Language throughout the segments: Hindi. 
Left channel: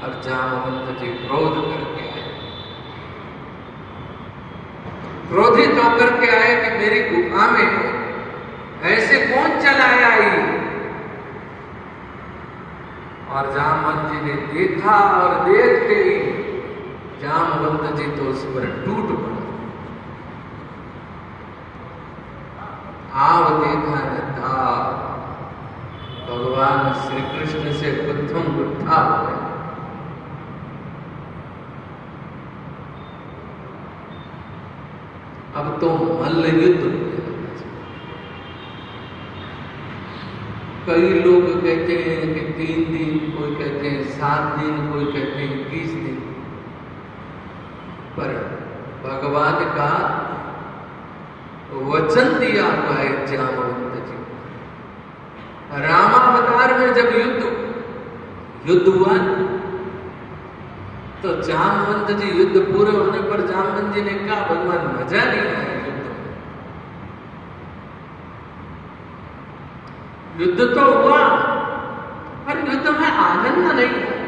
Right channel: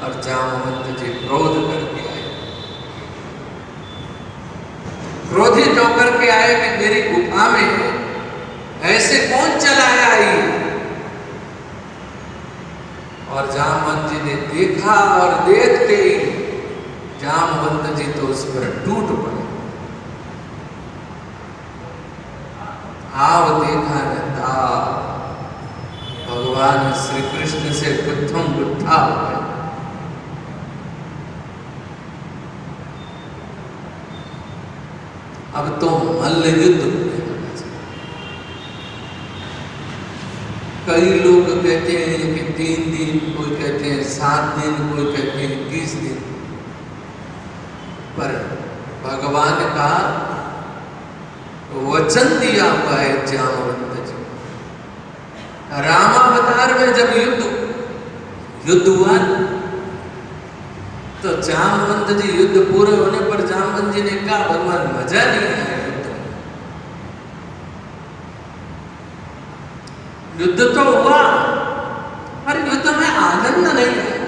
और जामवंत जी क्रोध करके आए, क्रोधित होकर के आए कि मेरी गुफा में ऐसे कौन चला आई। और जामवंत जी ने देखा और देखते ही जामवंत जी तो उस पर टूट पड़े। आव देखा न था, भगवान श्री कृष्ण से गुत्थम गुत्था हो गए। अब तो मल्ल युद्ध होने वाला है। कई लोग कहते हैं कि 3 दिन, कोई कहते हैं 7 दिन, कोई कहते हैं 21 दिन, पर भगवान का वचन दिया हुआ है जामवंत जी। रामावतार में जब युद्ध हुआ तो जामवंत जी युद्ध पूरे होने पर जामवंत जी ने कहा भगवान मजा नहीं आया युद्ध में। युद्ध तो हुआ पर युद्ध में आनंद नहीं आया।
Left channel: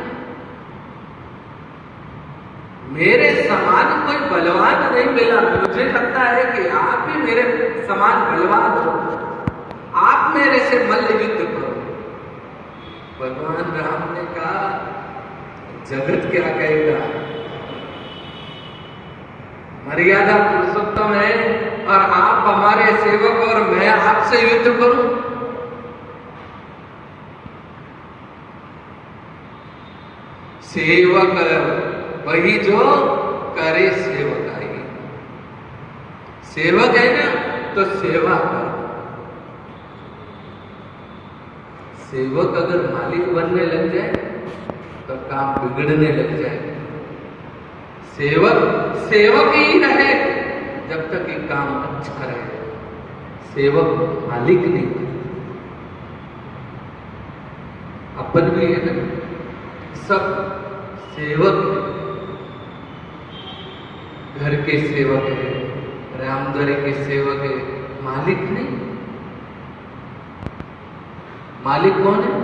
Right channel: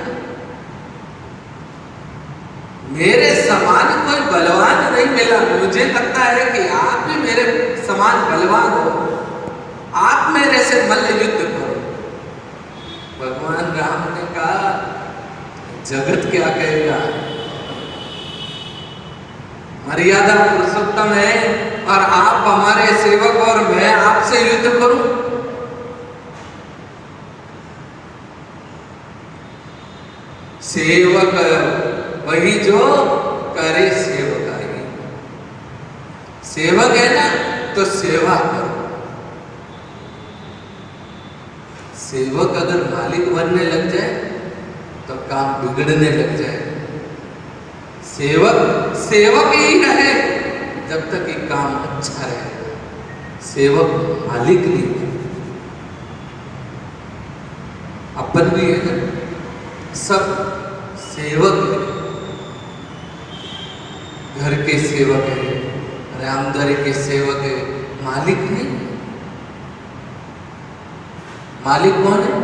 मेरे समान कोई बलवान नहीं मिला। मुझे लगता है कि आप भी मेरे समान बलवान हो, आप मेरे से मल्ल युद्ध करो। भगवान राम ने कहा जगत क्या कहेगा, मर्यादा पुरुषोत्तम है और आप हमारे सेवक और मैं आपसे युद्ध करूं। सेवक वही जो करे सेवकाई। सेवक है ना तो सेवा करो। सेवक अगर मालिक बनने लग जाए तो काम बिगड़ने लग जाए। सेवक ही रहे जब तक ये काम अच्छा रहे। सेवक मालिक नहीं, अपन भी है ना, सब सेवक है। घर के सेवक है, रामदरी के सेवक है, मालिक नहीं। मालिक कौन है?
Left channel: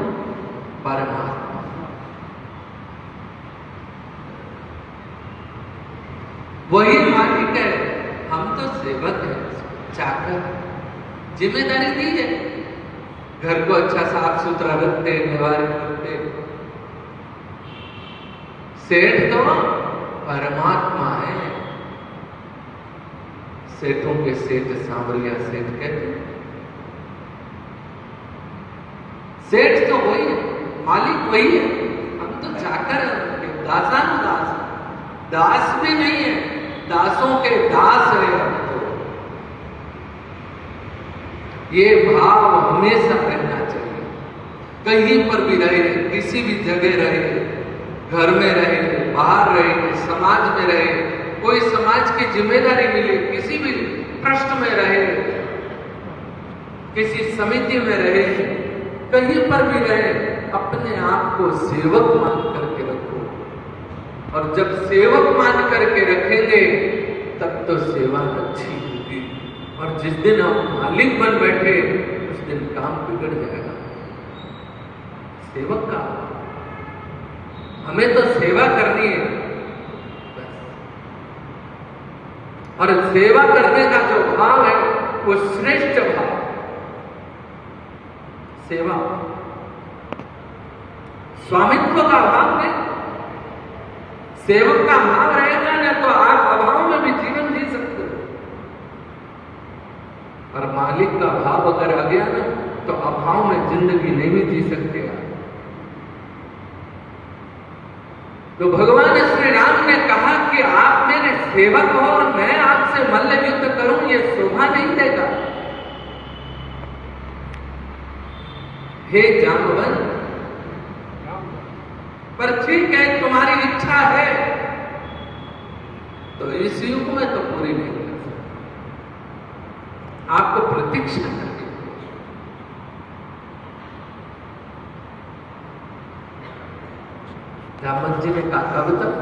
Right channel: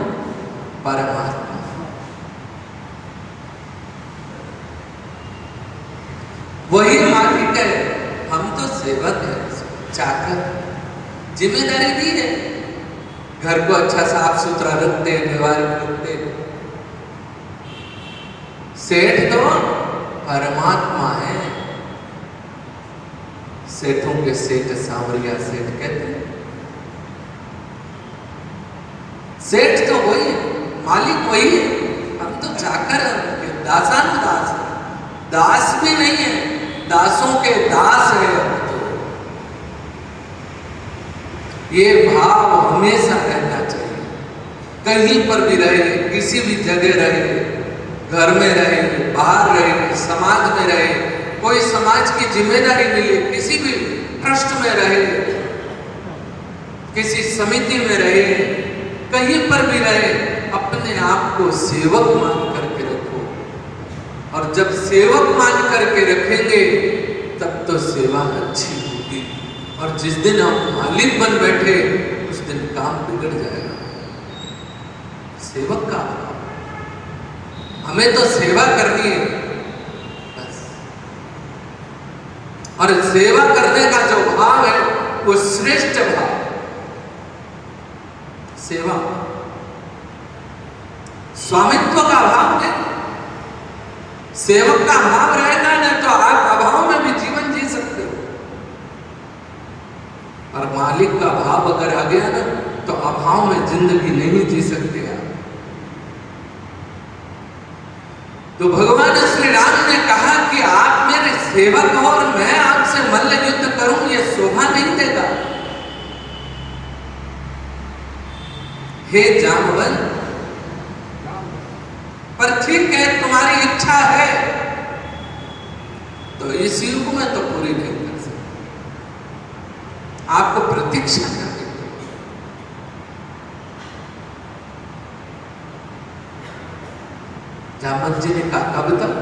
परमात्मा। वही मालिक है, हम तो सेवक है, चाकर। जिम्मेदारी दी है, घर को अच्छा साफ सुथरा रखते, व्यवहार रखते। सेठ तो परमात्मा है। सेठों के सेठ सांवरिया सेठ कहते हैं। सेठ तो वही है, मालिक वही है, हम तो चाकर हैं, दासानुदास। दास भी नहीं है, दासों के दास है। ये भाव हमेशा रहना चाहिए। कहीं पर भी रहे, किसी भी जगह रहे, घर में रहे, बाहर रहे, समाज में रहे, कोई समाज की जिम्मेदारी मिले, किसी भी ट्रस्ट में रहे, किसी समिति में रहे, कहीं पर भी रहे, अपने आप को सेवक मान करके रखो। और जब सेवक मान करके रखेंगे तब तो सेवा अच्छी होगी। और जिस दिन हम मालिक बन बैठे उस दिन काम बिगड़ जाएगा। सेवक का हमें तो सेवा करनी है बस। और सेवा करने का जो भाव है वो श्रेष्ठ भाव। सेवा स्वामित्व का भाव है। सेवक का भाव रहेगा ना तो आप अभाव में भी जीवन जी सकते हो। और मालिक का भाव अगर आ गया ना तो अभाव में जिंदगी नहीं जी सकते आप। तो भगवान श्री राम ने कहा कि आप मेरे सेवक हो और मैं आपसे मल्ल युद्ध करूं, ये शोभा नहीं देगा। हे जामवंत, पर ठीक है तुम्हारी इच्छा है तो इस युग में तो पूरी नहीं कर सकते। आपको प्रतीक्षा करनी पड़ेगी। जामवंत जी ने कहा कब तक?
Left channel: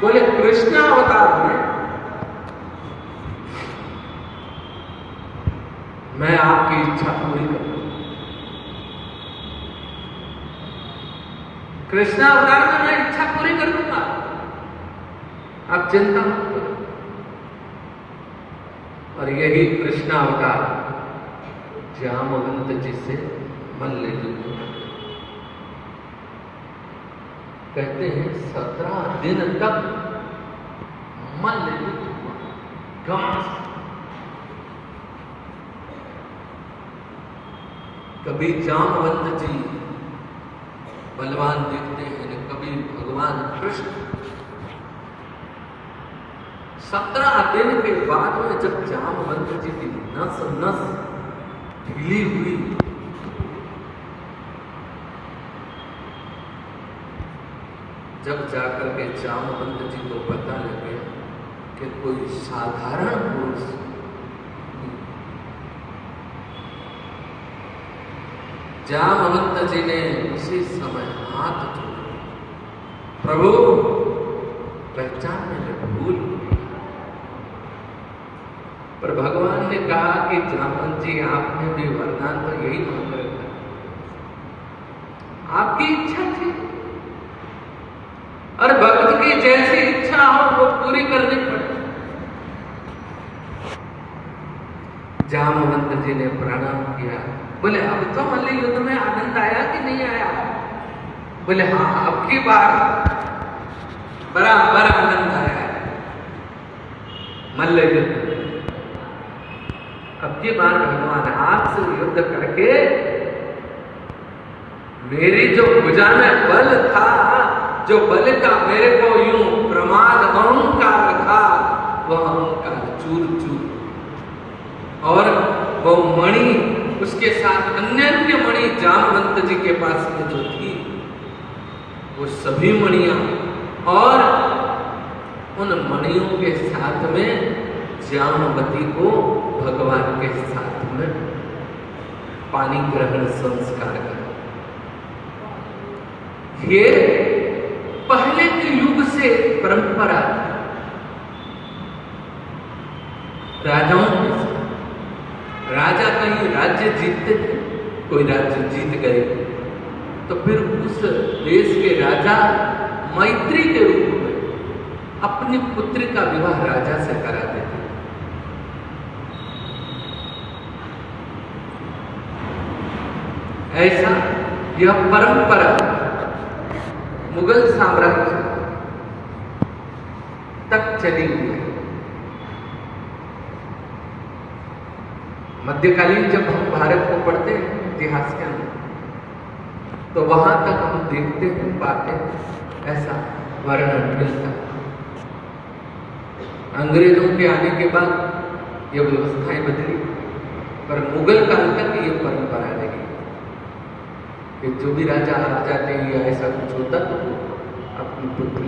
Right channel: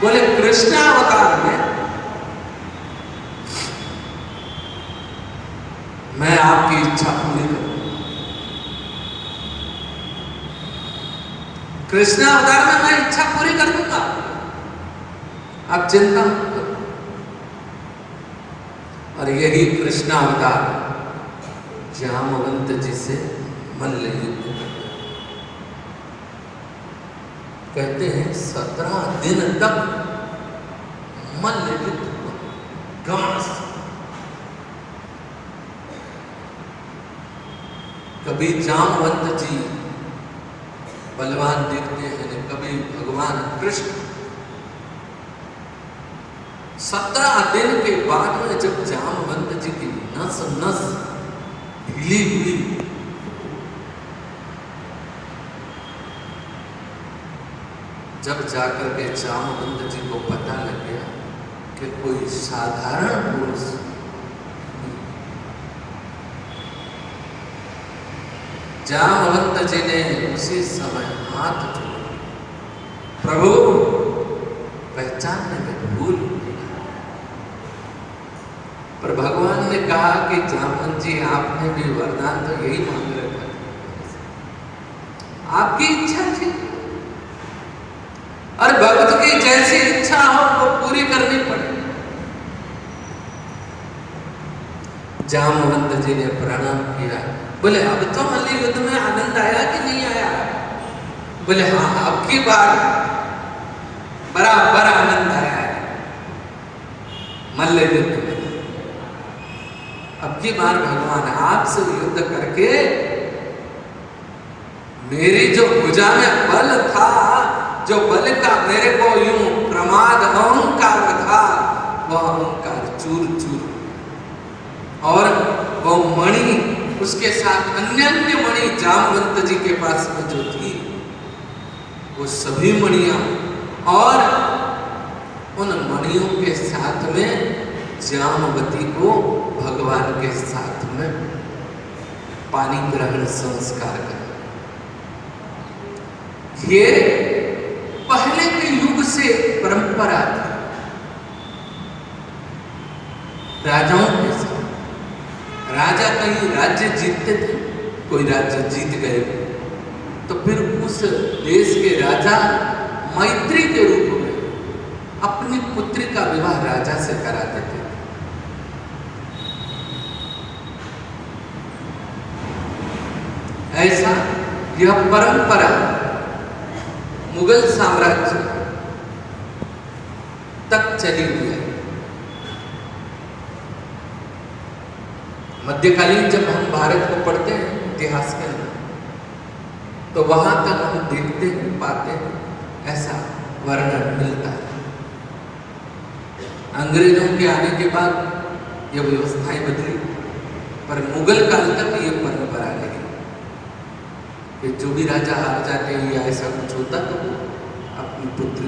बोले कृष्ण अवतार में मैं आपकी इच्छा पूरी करूंगा। कृष्ण अवतार में मैं इच्छा पूरी कर दूंगा, आप चिंता मत करो। और यही कृष्ण अवतार जामवंत जी से मल्ल युद्ध करते, कहते हैं 17 दिन तक मल्ल युद्ध हुआ, घास। कभी जामवंत जी बलवान दिखते हैं, कभी भगवान कृष्ण। 17 दिन के बाद में जब जामवंत जी की नस नस ढीली हुई, जब जाकर के जामवंत जी को पता लग गया कि कोई साधारण पुरुष, जामवंत जी ने उसी समय हाथ जोड़े, प्रभु पहचानने में भूल। पर भगवान ने कहा कि जामवंत जी आपने भी वरदान तो यही मांग रखा, आपकी इच्छा थी और भक्त की जैसी इच्छा हो वो पूरी करनी पड़े। जामवंत जी ने प्रणाम किया, बोले अब तो मल्ल युद्ध में आनंद आया कि नहीं आया? बोले हाँ, अब की बार बराबर आनंद आया है मल्ल युद्ध में। अब की बार भगवान आपसे युद्ध करके मेरी जो भुजा में बल था, जो बल का मेरे को यूं प्रमाद अहंकार था, वह अहंकार चूर चूर, और वो मणि उसके साथ अन्य मणि जामवंत जी के पास में जो थी, वो सभी मणियां, और उन मणियों के साथ में जामवती को भगवान के साथ में पानी ग्रहण संस्कार करा। ये पहले के युग से परंपरा थी राजाओं के साथ। राजा कहीं राज्य जीतते थे, कोई राज्य जीत गए तो फिर उस देश के राजा मैत्री के रूप में अपनी पुत्री का विवाह राजा से कराते थे। ऐसा यह परंपरा मुगल साम्राज्य तक चली हुई है। मध्यकालीन जब हम भारत को पढ़ते हैं इतिहास के अंदर, तो वहां तक हम देखते हैं, पाते हैं, ऐसा वर्णन मिलता है। अंग्रेजों के आने के बाद ये व्यवस्थाएं बदली, पर मुगल काल तक ये परंपरा रही कि जो भी राजा हार जाते या ऐसा कुछ होता तो अपनी पुत्री